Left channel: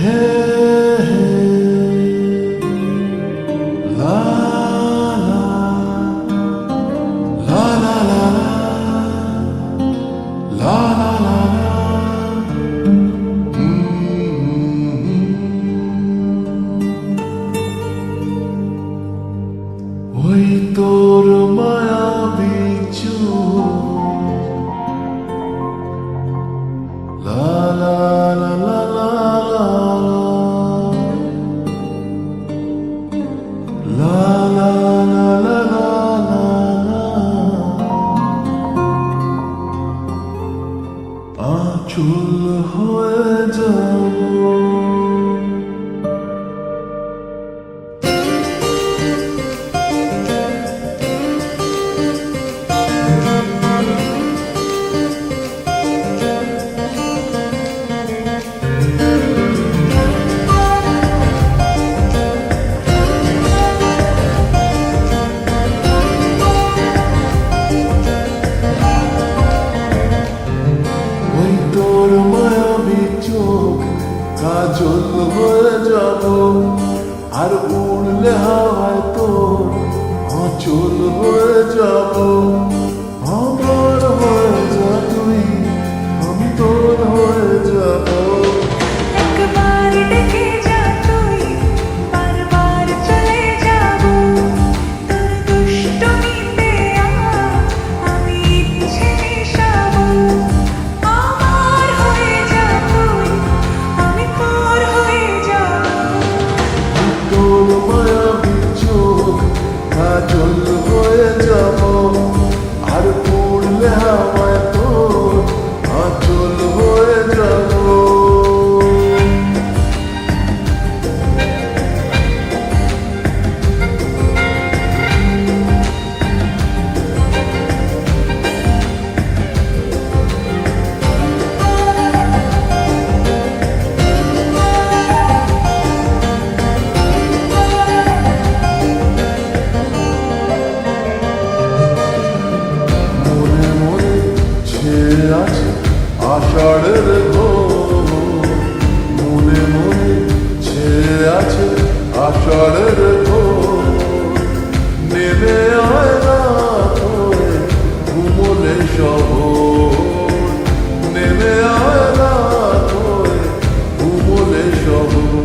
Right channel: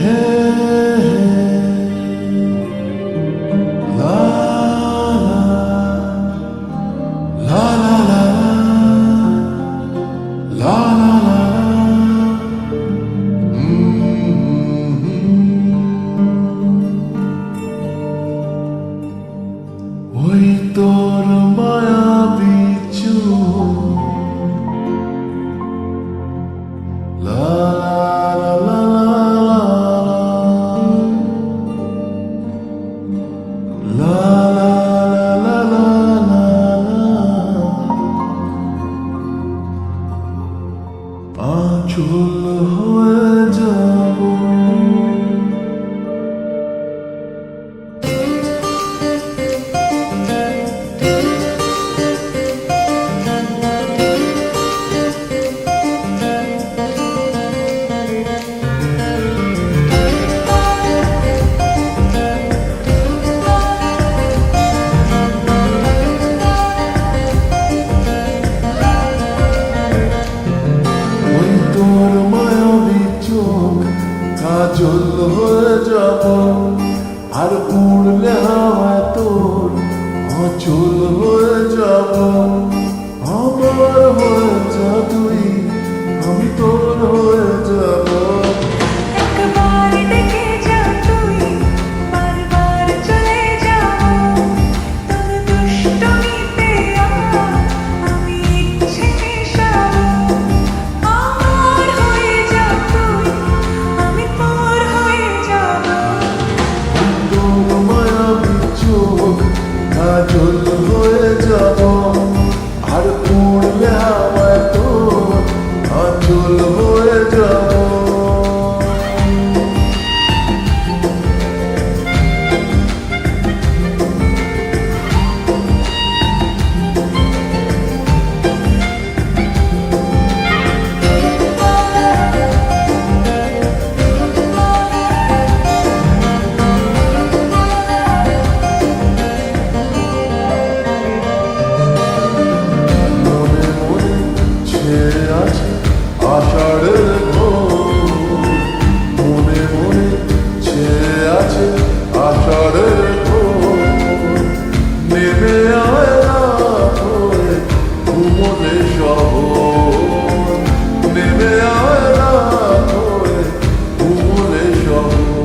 হে হে লা লা লা লা লা লা লা লা লা ওই তোর মায়াবী চোখ লা লা লা লা লা লা লা লা লা লা লা লা আঁচল হয়ে যাব ওই তোর মায়াবী চোখ কাজল হয়ে যাব আর উড়লে হাওয়ায় তোর আঁচল হয়ে যাব আমার হয়ে যা তুই আমি তোর হয়ে যাব একবার ডেকে যা তুই বারবার চলে যাব তোর দুষ্টমিতে আমি ইচ্ছে মেশাবো আমার হয়ে যা তুই আমি তোর হয়ে যাব তোর মায়াবী চোখ কাজল হয়ে যাব আর উড়লে হাওয়ায় তোর আঁচল হয়ে যাব মনে মনে ছেয়ে আছে আষাঢ়ের ঘোর মনে মনে ছেয়ে আছে আষাঢ়ের ঘোর নেমে আয় রাত হয়ে ঘুমলে শহর নেমে আয় রাত হয়ে ঘুমলে শহর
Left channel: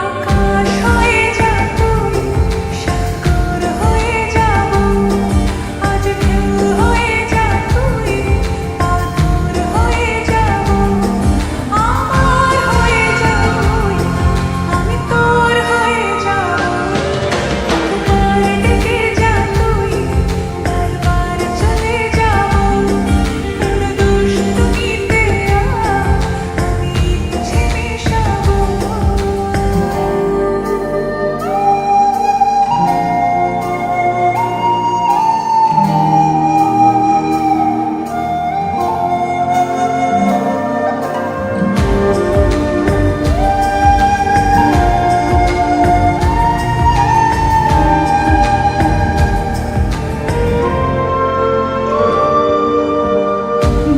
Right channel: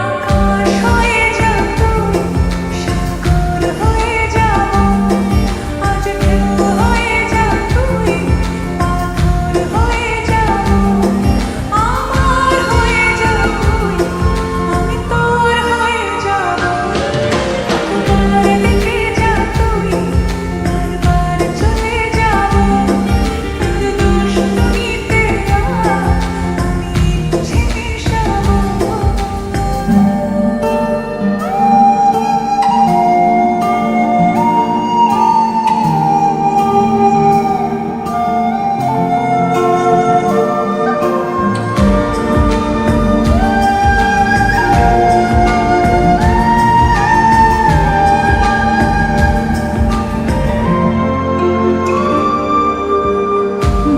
আকাশ হয়ে যা তুই সাগর হয়ে যাব আজ ঢেউ হয়ে যা তুই পাথর হয়ে যাব আমার হয়ে যা তুই আমি তোর হয়ে যাব একবার ডেকে যা তুই বারবার চলে যাব তোর দুষ্টমিতে আমি ইচ্ছে মেশাবো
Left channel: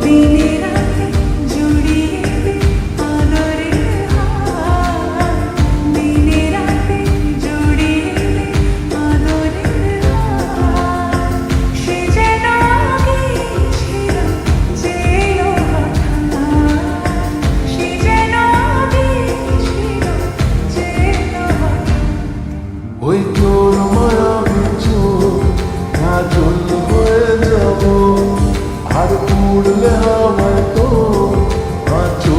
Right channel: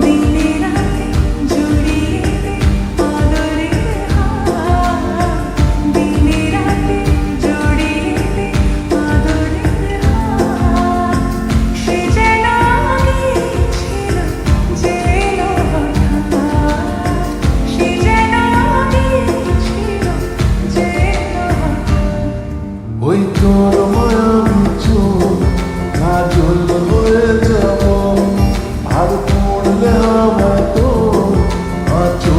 দিনে রাতে জুড়িয়ে দে আদরের হাত দিনে রাতে জুড়িয়ে দে আদরের হাত সে যেন আগে ছিল যে এলো হঠাৎ সে যেন আগে ছিল যে এলো হঠাৎ ওই তোর মায়াবী চোখ কাজল হয়ে যাব আর উড়লে হাওয়ায় তোর আঁচল